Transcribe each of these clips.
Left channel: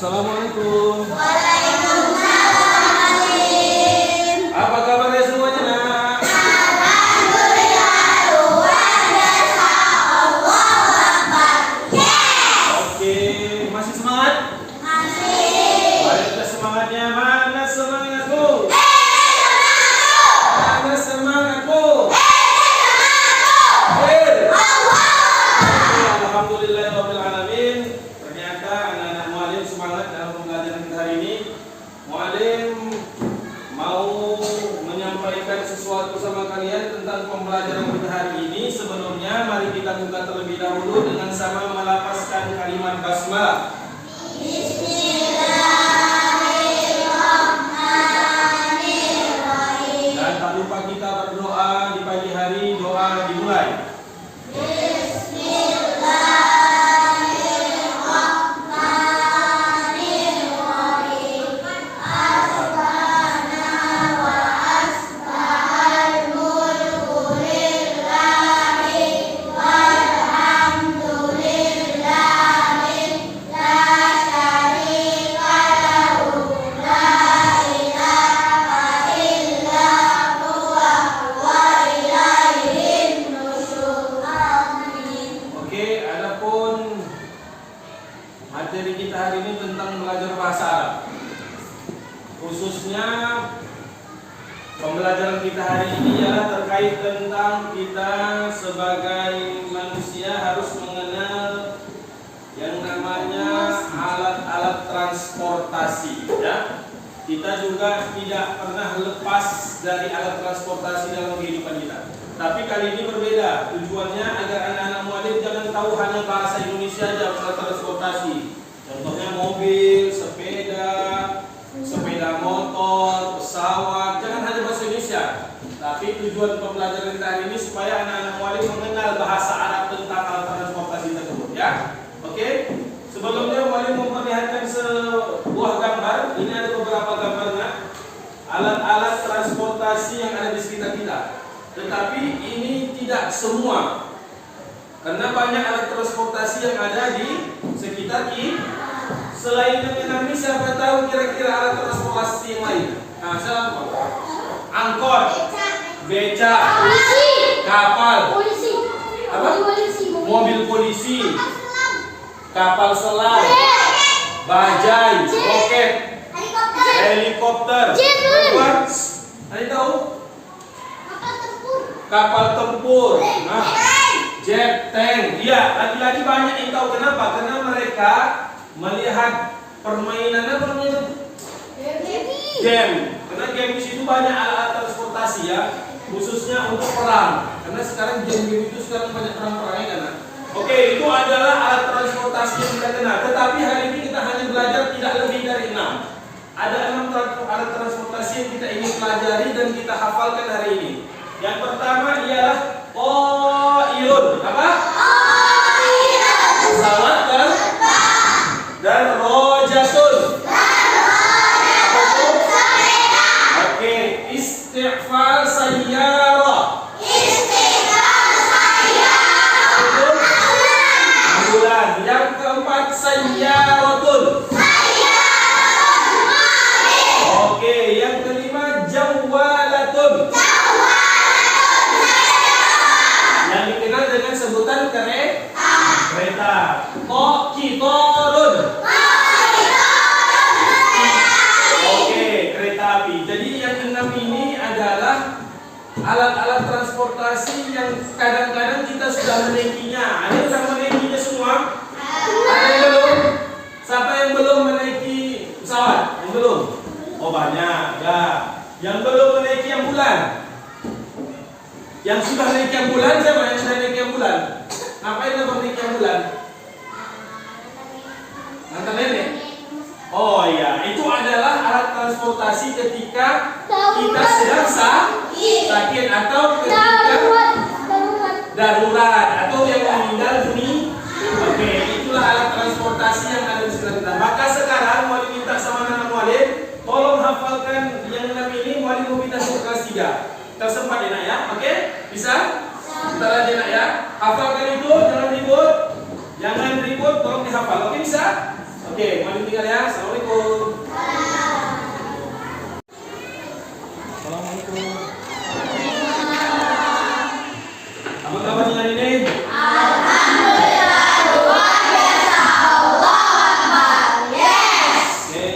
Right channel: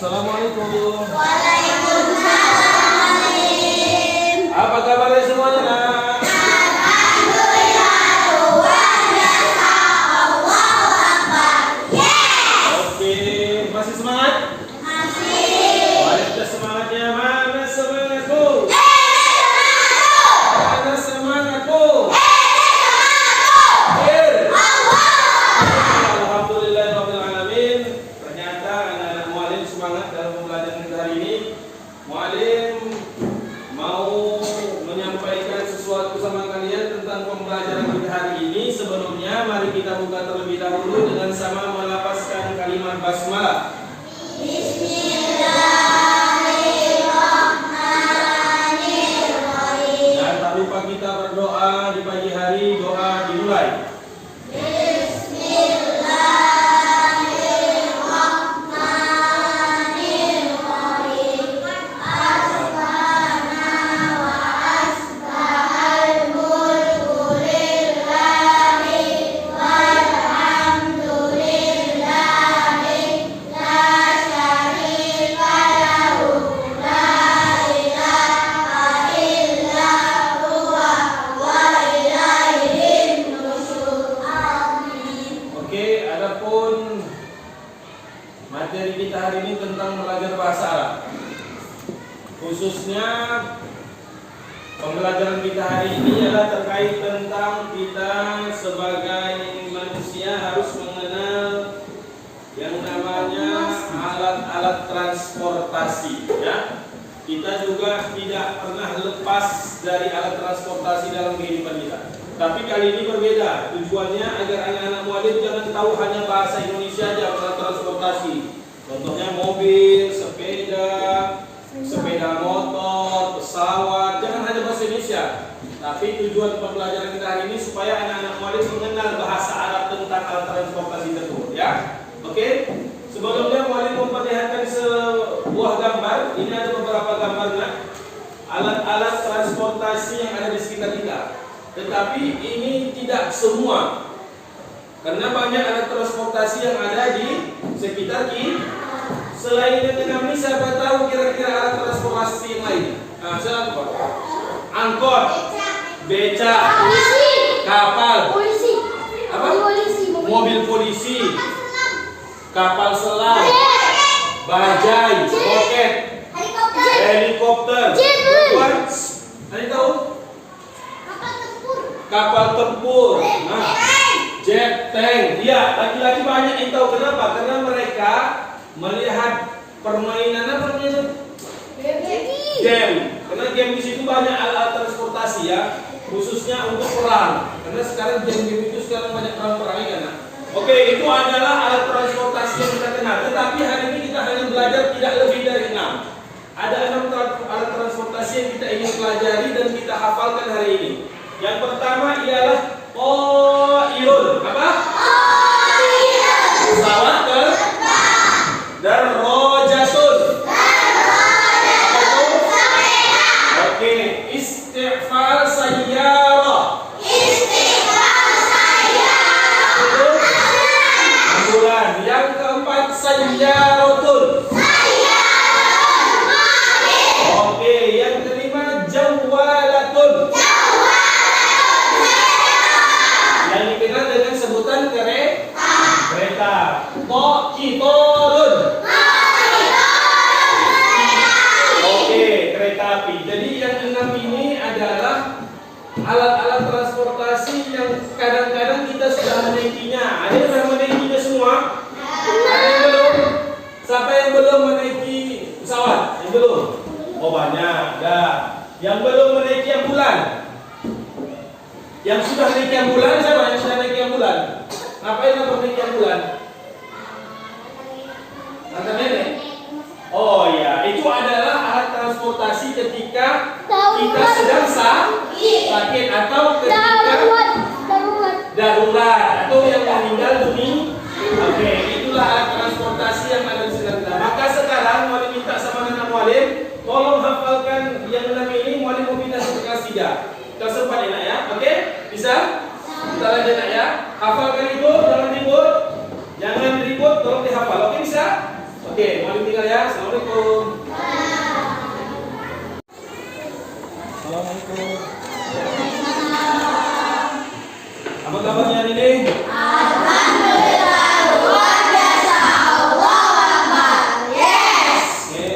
Assalamualaikum. Waalaikumsalam. Apa kabarnya semuanya, nak? Alhamdulillah, luar biasa. Allahu Akbar. Oke, masih semangat? Masih. Mari kita semangatnya. Mana semangatku? Mana semangatku? Alhamdulillahirrahmanirrahim. Ternyata anak-anak mualim semangat dalam pembelajaran kita hari ini. Mualim mau menyampaikan sesuatu sama kalian tentang pembelajaran kita hari ini. Sebelumnya mari kita buka terlebih dahulu dengan sama melafazkan kalimat basmalah. Bismillahirrahmanirrahim. Dan tak lupa kita berdoa di pagi hari. Doa dimulai. Oke, adapun materi kita hari ini tentang belajar bahasa Arab. Khususnya pembelajaran kita hari ini adalah terkait tentang kita sebagai manusia harus mengenal yang namanya alat-alat transportasi, ya. Kita juga tidak pernah lepas dari alat transportasi dalam kehidupan kita. Tapi kali ini berbeda. Tujuannya agar anak-anak mualim jangan tahu hanya bahasa Indonesia saja alat transportasi. Contohnya mobil, sepeda motor, pesawat. Jangan hanya bahasa Indonesia. Tapi tujuan pembelajaran kita hari ini supaya anak-anak mualim mengenal bahasa Arab tentang alat transportasi tersebut, ya. Oke? Sebelumnya mualim memperlihatkan sebuah gambar. Ini ada beberapa gambarnya. Alat-alat transportasi yang ada di sekitar kita. Tetapi ini tidak semua, karena banyak alat transportasi yang ada di sekitar kita. Selain kami, siapa tahu kira-kira alat transportasi yang lain? Nah, siapa? Angkot, beca, kapal, apa? Mobil polisi, kapal selam, bajai, roket, helikopter, ada tahu? Kapal tempur, nah, jet, tank. Ya, lagi-lagi banyak yang tahu. Kenapa? Karena mereka melihat permainan apa namanya? Game. Karena game di situ banyak alat transportasi, ya, khususnya untuk perang. Karena sekarang game-game itu sekarang banyak perang-perangnya, kan? Oke, itu adalah alat transportasi yang kita kenal. Tetapi hari ini kita hanya belajar tidak lebih dari 6. Ada 6 alat transportasi yang kita ingin pelajari dan kita hafalkan hari ini. Yang pertama ialah qailun. Apa? Pesawat dan rojatun. Oke, istighfar sayyarah. Ambulan. Yang keempat sayyaratun. Oke, yang kelima jawalatun. Yang dikenal dengan sebutan kereta. Qitarun. Oke, kereta api. Jadi yang 6 ini adalah alat-alat transportasi yang kadang-kadang kita sudah menaikinya. Ada yang sudah menaikinya semua? Ada yang belum? Siapa yang belum menaiki pesawat? Yang belum? Oh, banyak. Nah, yang belum menaiki ambulan. Yang sudah naik ambulan, siapa yang sudah naik ambulan? Ngapain kamu naik ambulan? Ngantar nenek? Oh iya, itu adalah alat transportasi ketika kita sedang sakit atau ketika darurat atau yang meninggal dunia. Oke, itulah alat transportasi yang ada di sekitar kita. Maka sekarang mualim minta sama anak mualim, tolong hafalkan yang 6 ini. Mualim meminta sampai kelas 3. Kelas 4 ya, nak, ya. Oke? Bisa? Kita lanjut, nak, ya. Hafalkan itu, jangan ribut. Jangan ribut, tolong dihafal. Oke, bisa? Oke. Oke, mari tinggal ya. Assalamualaikum. Assalamualaikum. Apa kabarnya hari ini? Alhamdulillah, luar biasa. Allahu Akbar. Yes. Oke.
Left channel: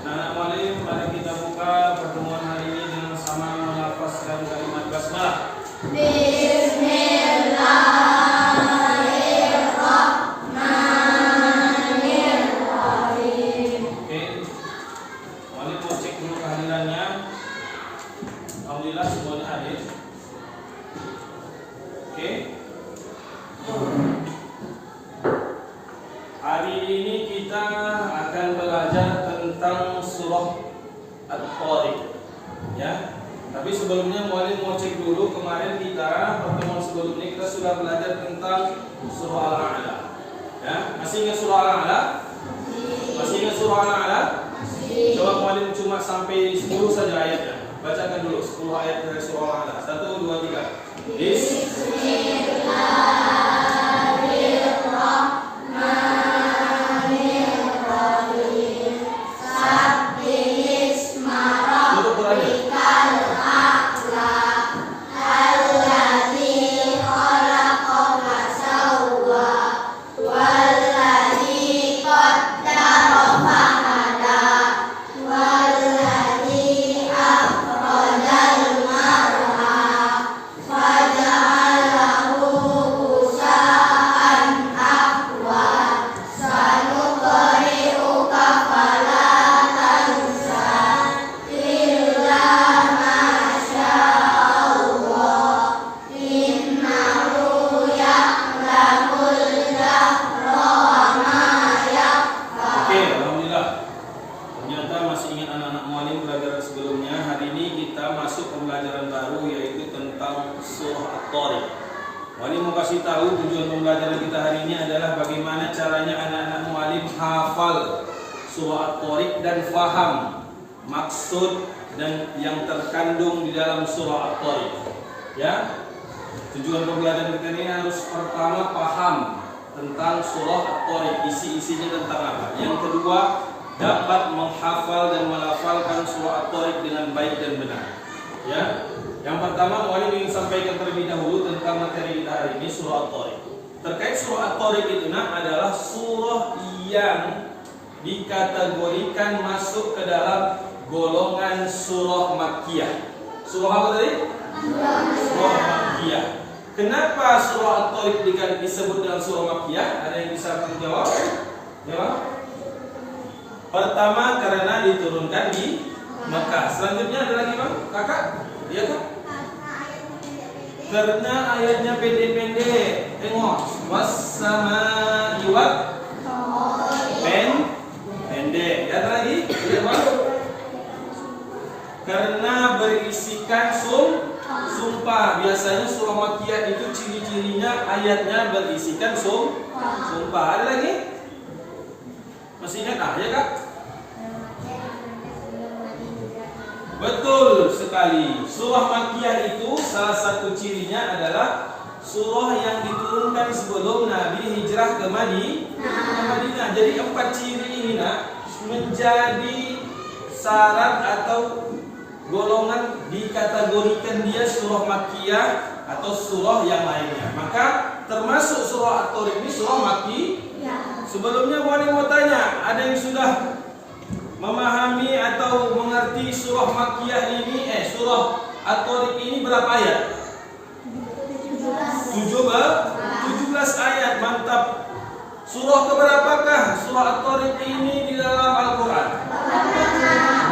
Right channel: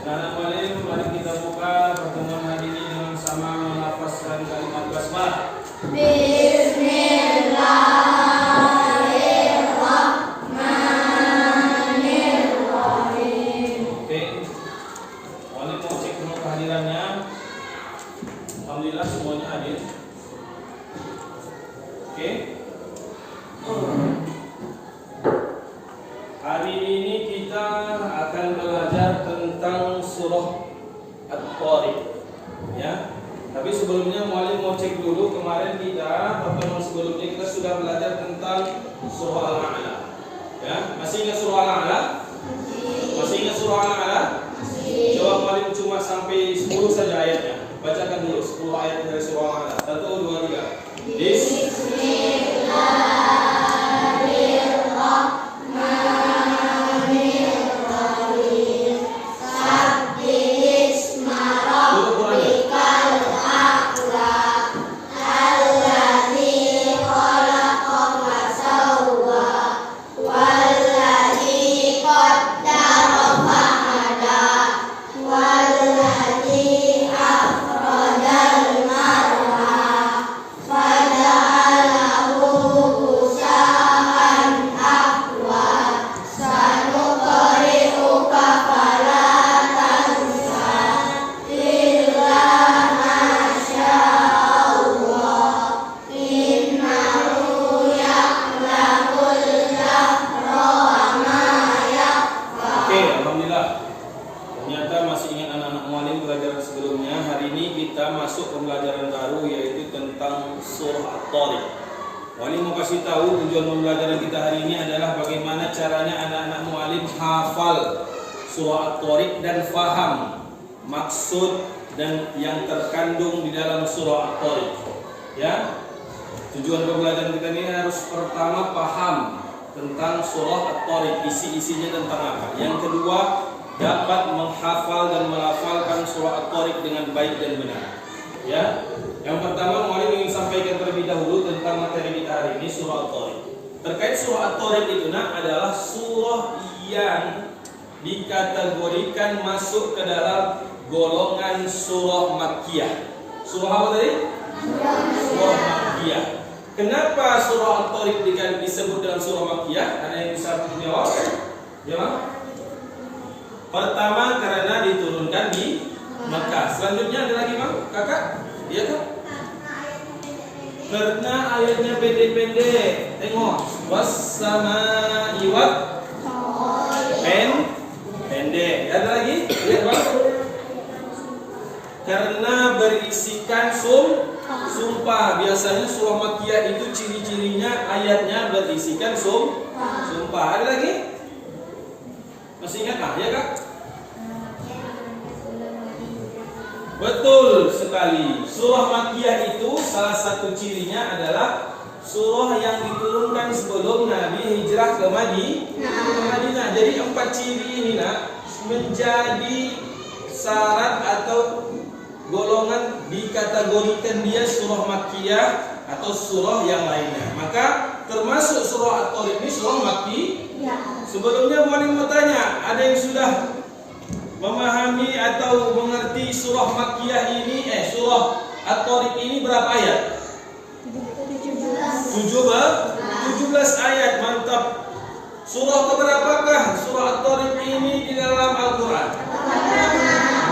Anak-anak mualim, mari kita buka pertemuan hari ini dengan sama melafazkan kalimat basmalah. Bismillahirrahmanirrahim. Oke. Mualim mau cek dulu kehadirannya. Alhamdulillah semuanya hadir. Oke. Hari ini kita akan belajar tentang surah At-Tariq. Ya. Tapi sebelumnya mualim mau cek dulu, kemarin kita pertemuan sebelumnya kita sudah belajar tentang surah Al-A'la. Ya, masih ingat surah Al-A'la? Masih ingat surah Al-A'la? Coba mualim cuma sampai 10 saja ayatnya. Bacakan dulu 10 ayat dari surah Al-A'la. 1 2 3. Bismillahirrahmanirrahim. Sabbisma rabbikal a'la. Alladzi khalaqa fasawwa. Walladzi qaddara fahada. Walladzi akhrajal mar'a. Faja'alahu ghusaa'an ahwa. Sanuqri'uka fala tansa illa ma sya'allah. Innahu ya'lamul jahra wa ma yakhfa. Oke, alhamdulillah. Ternyata masih ingat anak-anak mualim pelajaran sebelumnya. Hari ini kita masuk pembelajaran baru yaitu tentang surah At-Tariq. Mualim mau kasih tahu tujuan pembelajaran kita hari ini adalah bagaimana caranya anak-anak mualim hafal surah At-Tariq dan faham maksud dan yang terkandung di dalam surah At-Tariq. Ya. Tujuan pembelajaran kita ini harus pertama paham tentang surah At-Tariq, isi-isinya tentang apa. Yang kedua, dapat menghafal dan melafalkan surah At-Tariq dengan baik dan benar. Ya. Yang pertama, mualim ingin sampaikan terlebih dahulu tentang materi kita hari ini, surah At-Tariq. Terkait surah At-Tariq itu adalah surah yang dikategorikan masuk ke dalam golongan surah Makkiyah. Surah apa tadi? Surah Makkiyah. Kenapa surah At-Tariq disebut dengan surah Makkiyah? Ada yang bisa menjawab? Jawab. Pertama, karena diturunkan di Mekah. Selanjutnya ada lagi, Bang? Kakak? Iya kan? Karena ayatnya pendek-pendek. Tengok, was-samaa'i pendek. Ada lagi? Iya, Bang? Karena berisikan sumpah. Biasanya surah Makkiyah itu ciri-cirinya ayatnya berisikan sumpah. Ada lagi? Masih ingat? Ya Kak? Betul sekali. Surah Makkiyah itu salah satu cirinya adalah surah yang diturunkan sebelum Nabi hijrah ke Madinah. Jadi 4 ciri ini menjadi syarat atau golongan dikategorikan dia surah Makkiyah atau surah yang lainnya. Maka termasuk surah At-Tariq ini surah Makkiyah. Sebelumnya boleh mau tanya, ada yang sudah memahami atau mengerti surah Makkiyah ini, surah At-Tariq ini berapa ayat? 17 ayat, mantap. Surah keberapakah surah At-Tariq ini di dalam Al-Quran?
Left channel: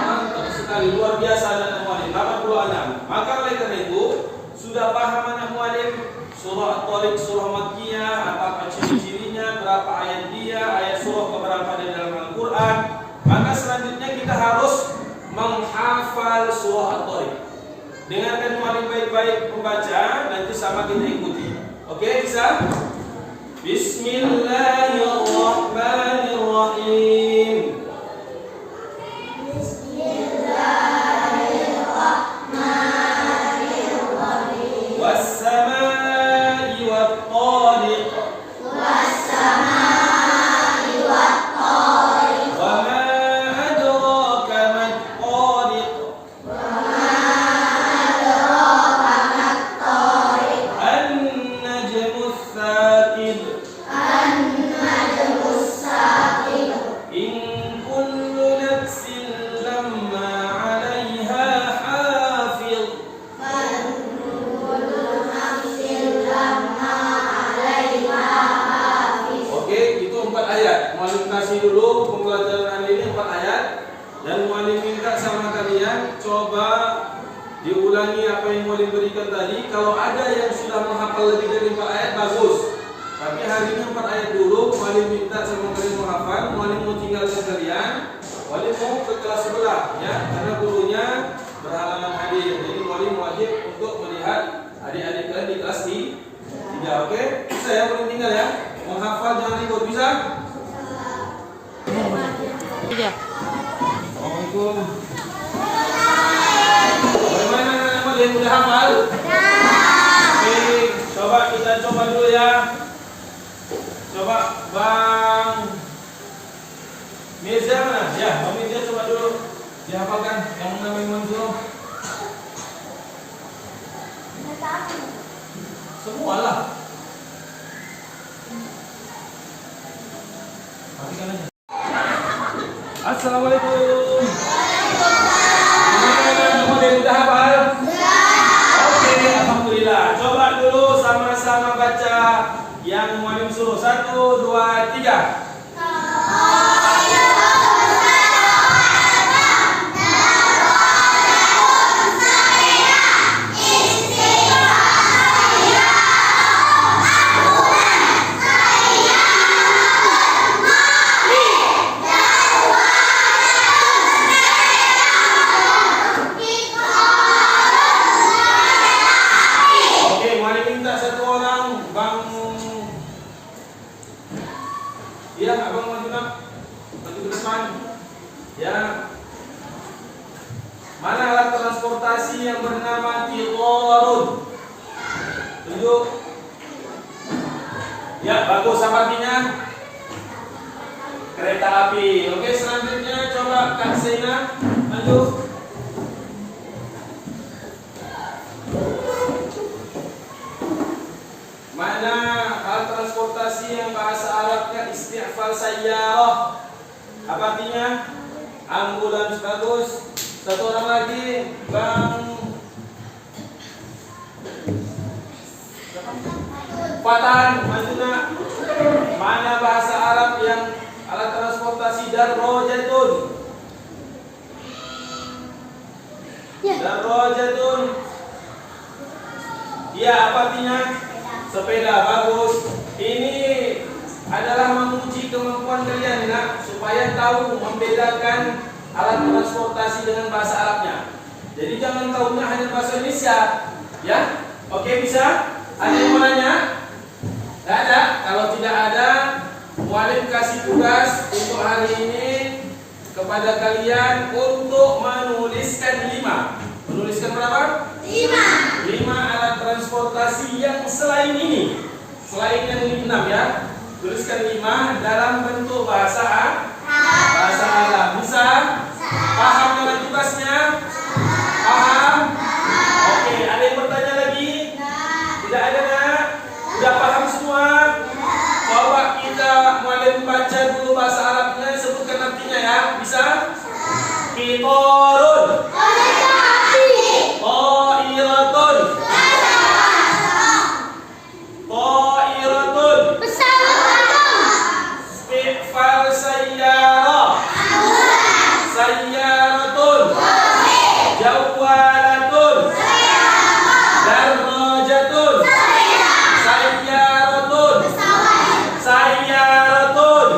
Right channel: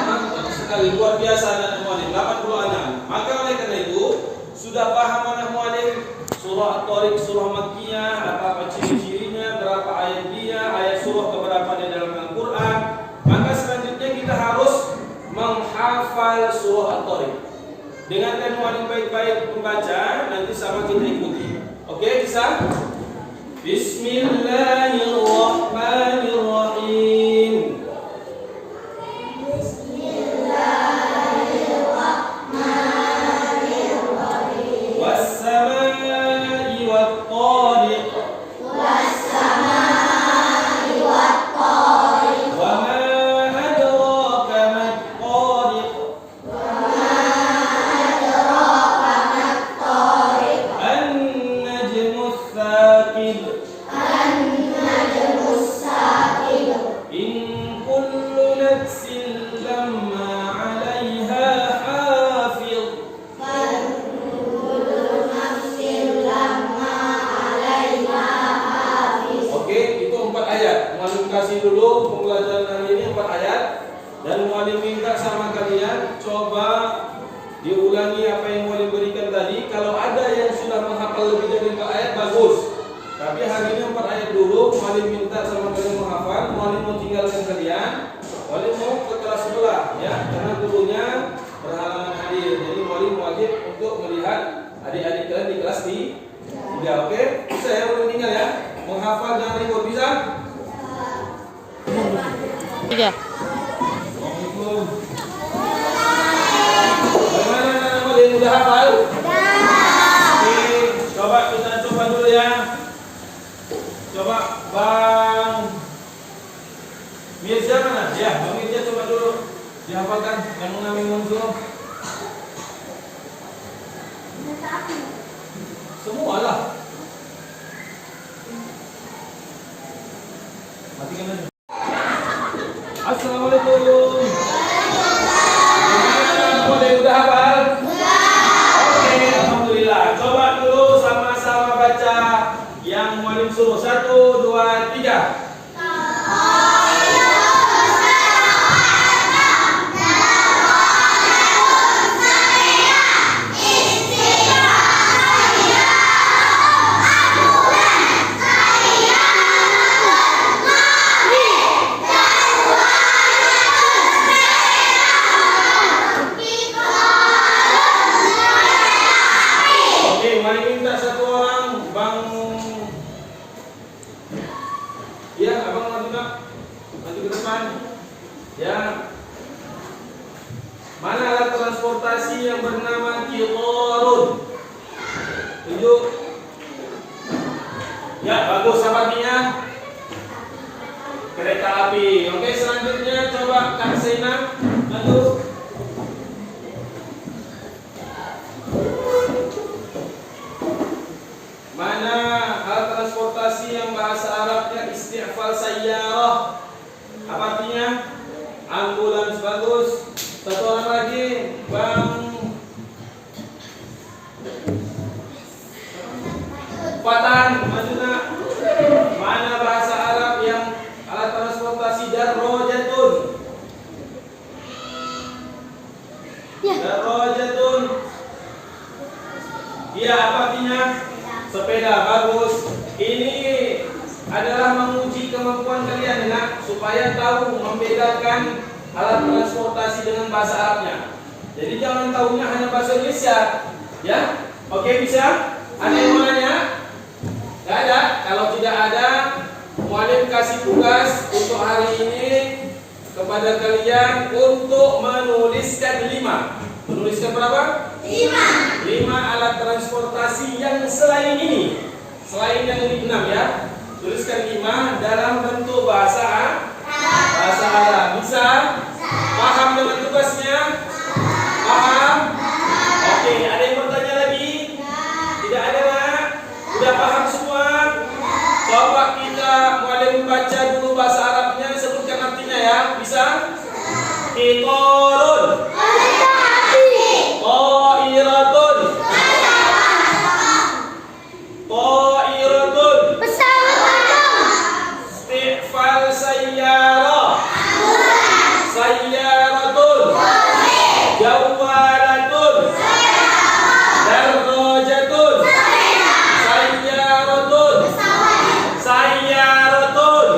Mantap sekali, luar biasa anak mualim, 80 ayat. Maka oleh karena itu, sudah paham anak mualim surah At-Tariq, surah Makkiyah, apa ciri-cirinya, berapa ayat dia, ayat surah keberapa di dalam Al-Quran. Maka selanjutnya kita harus menghafal surah At-Tariq. Dengarkan mualim baik-baik membaca, nanti sama kita ikuti. Oke, bisa? Bismillahirrahmanirrahim. Was-samaa'i wat-tariq. ayat. Muallim kasih dulu pembelajaran hari ini 4 ayat. Dan muallim minta sama kalian coba diulangi apa yang muallim berikan tadi. Kalau ada yang sudah menghafal lebih dari 4 ayat bagus. Tapi hari ini 4 ayat dulu. Muallim minta sama kalian menghafal. Muallim mau tinggalkan kalian. Muallim mau ke kelas sebelah ya, karena gurunya berhalangan hadir. Jadi muallim wajib untuk melihat adik-adik kalian di kelas di 3. Oke? Bisa ya muallim tinggal ya. Menghafal jangan ikut, bisa? Iya. Assalamualaikum. Bagaimana anak-anak yang udah hafal? Oke, coba kita coba dulu ya. Coba Bang Mirza mana? Ya, Bang Mirza coba dulu dihafalkan yang Nabi Mansur. Semua lah. Matikan aja. Assalamualaikum. Gimana semua yang udah hafal? Oke, alhamdulillah. Coba dulu sama-sama baca yang muallim suruh. 1, 2, 3. Mana alat transportasi yang bernama Qitarun? Tunjuk. Ya, bagus apa artinya? Kereta api. Oke, selanjutnya coba Kak Sena maju. Mana alat transportasi yang bahasa Arabnya isti'fal sayyarah? Apa artinya? Ambulans. Bagus. Satu orang lagi, Bang Fatan, maksudnya mana bahasa Arab yang alat transportasi darrojatun? Darrojatun. Iya, apa artinya? Sepeda. Bagus. Ini adalah menguji kemampuan kalian ya, supaya tahu membedakan alat transportasi dengan bahasa Arabnya. Jadi jangan tahunya hanya bahasa Indonesia, ya? Oke, bisa? Ada yang mau nanya? Tidak ada? Kalau tidak ada, muallim kasih tugas untuk hari ini kepada kalian untuk menuliskan 5. Menuliskan berapa? 5 alat transportasi yang selain ini. Selain yang 6 ya. Tuliskan 5 dalam bentuk bahasa Arab. Bisa? Paham dengan tugasnya? Paham? Oke, ada yang bertanya lagi? Tidak ada nak? Sudah paham semua? Coba kita mulai membaca dulu bahasa Arabnya, sebutkan artinya ya. Bisa? Qitarun. Qairatun. Qairatun. Isti'fal sayyarah. Sayyaratun. Jawalatun. Darrajatun. Sayyaratun. Sayyaratun.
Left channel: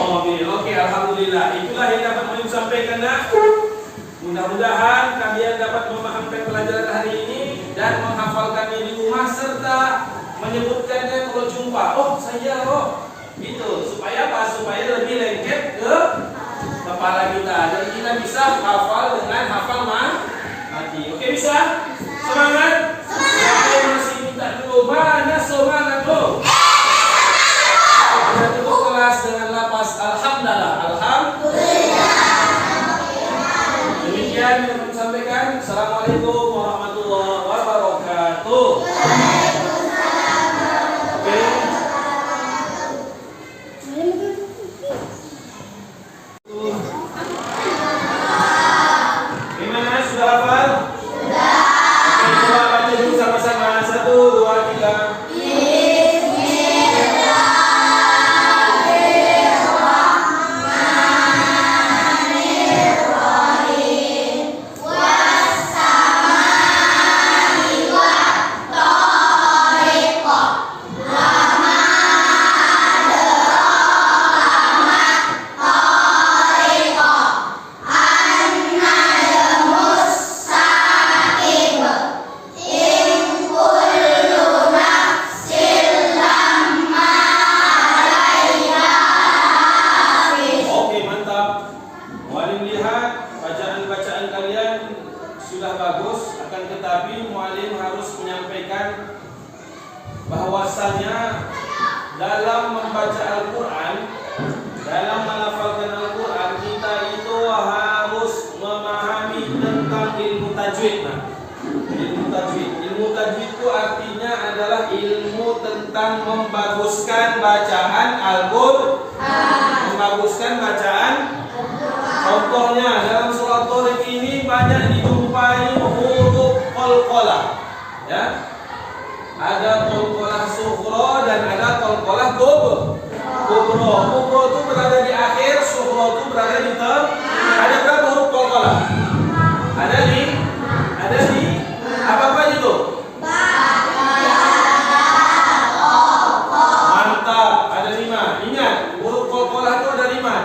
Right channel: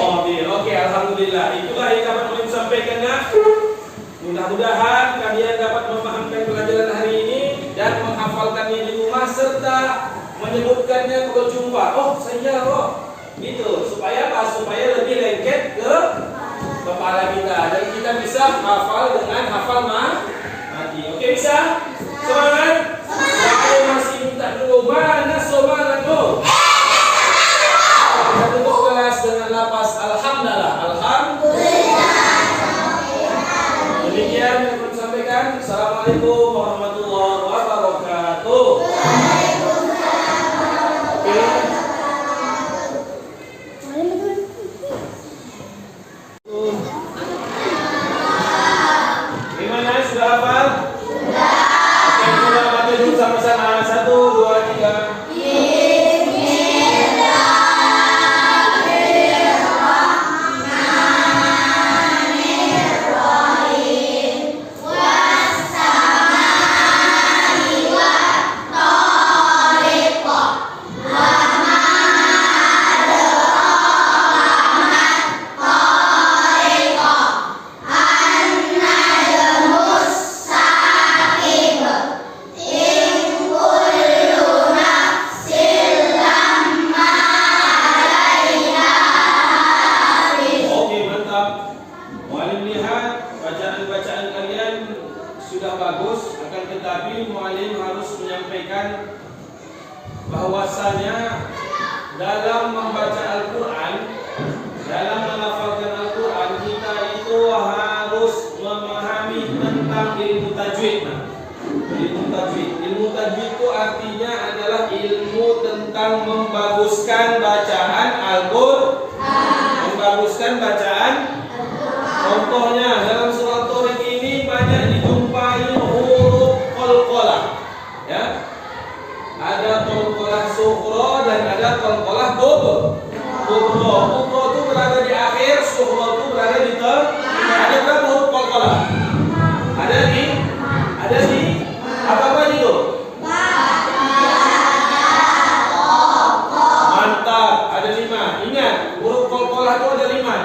Mobil. Oke, alhamdulillah. Itulah yang dapat kami sampaikan nak. Mudah-mudahan kalian dapat memahami pelajaran hari ini dan menghafalkannya di rumah serta menyebutkannya berjumpa. Oh, sayyarah. Gitu, supaya apa? Supaya lebih lengket ke kepala kita dan kita bisa hafal dengan hafal mati. Oke, bisa? Semangat? Saya masih minta dulu. Mana semangat dulu? Kita tutup kelas dengan lapas alhamdulillah. Alhamdulillah. Demikian yang kami sampaikan. Assalamualaikum warahmatullahi wabarakatuh. Oke. Gimana? Sudah hafal? Sudah. Oke, coba baca dulu sama-sama. 1, 2, 3.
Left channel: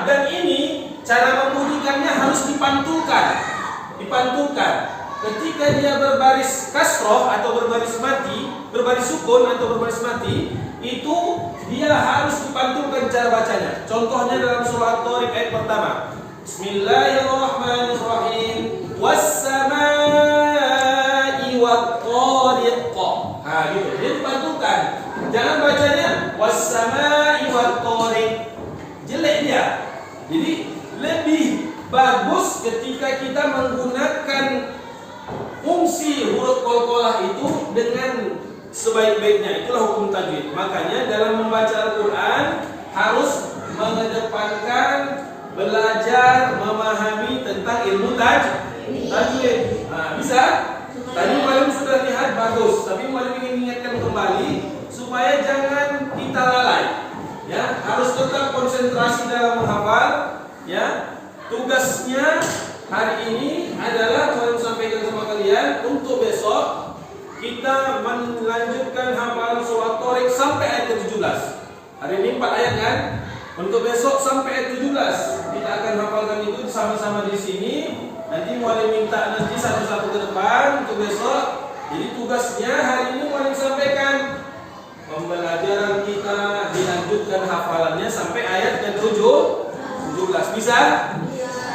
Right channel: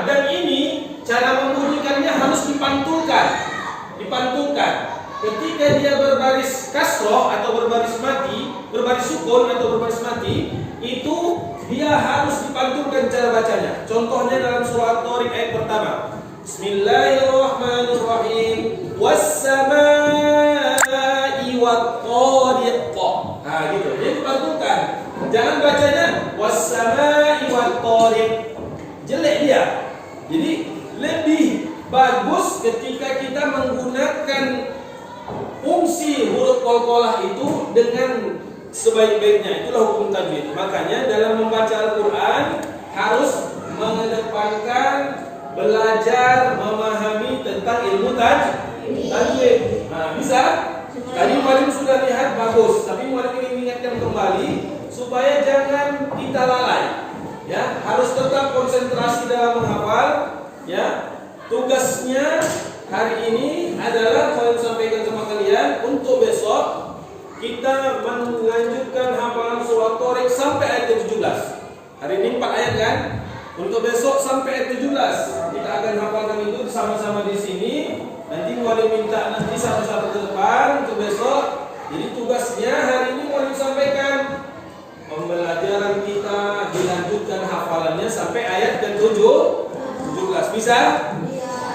Ya, dan ini cara membunyikannya harus dipantulkan. Ketika dia berbaris kasroh atau berbaris mati, berbaris sukun atau berbaris mati, itu dia harus dipantulkan cara bacanya. Contohnya dalam surah At-Tariq ayat pertama. Bismillahirrahmanirrahim. Was-samaa'i wat-tariq. Nah, gitu. Dia dipantulkan. Jangan bacanya was-samaa'i wat-tariq. Jelek dia. Jadi lebih bagus ketika kita menggunakan fungsi huruf qalqalah itu dengan sebaik-baiknya. Itulah hukum tajwid. Makanya dalam membaca Al-Quran harus mengedepankan belajar memahami tentang ilmu tajwid. Nah, bisa? Tadi Muallim sudah lihat bagus, tapi Muallim ingin mengingatkan kembali supaya jangan kita lalai. Ya, harus tetap konsentrasi dalam menghafal. Ya, tugasnya hari ini adalah Muallim sampaikan sama kalian untuk besok kita melanjutkan hafalan surah At-Tariq sampai ayat 17. Hari ini 4 ayat kan? Untuk besok sampai ayat 17 kita akan hafalkan itu sama-sama di sini. Nanti Muallim minta nanti satu-satu ke depan untuk besok. Jadi tugasnya hari ini Muallim sampaikan pembelajaran kita dilanjutkan hafalannya sampai ayat ke-17. Bisa?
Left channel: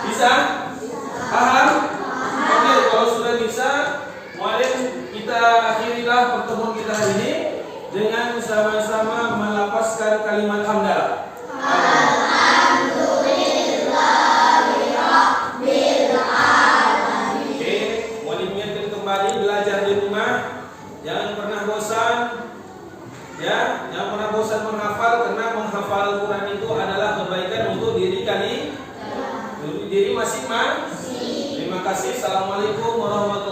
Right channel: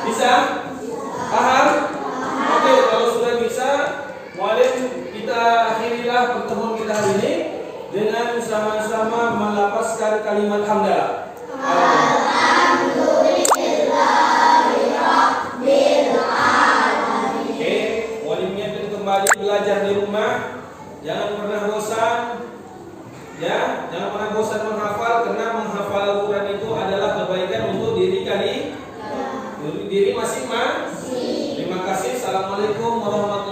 Bisa? Paham? Oke, kalau sudah bisa, Muallim kita akhirilah pertemuan kita hari ini dengan sama-sama melafazkan kalimat hamdalah. Oke, Muallim ingatkan kembali belajar di rumah, jangan pernah bosan. Ya, jangan pernah bosan menghafal karena menghafal Al-Quran itu adalah kebaikan untuk diri masing-masing. Terima kasih. Assalamualaikum warahmatullahi wabarakatuh.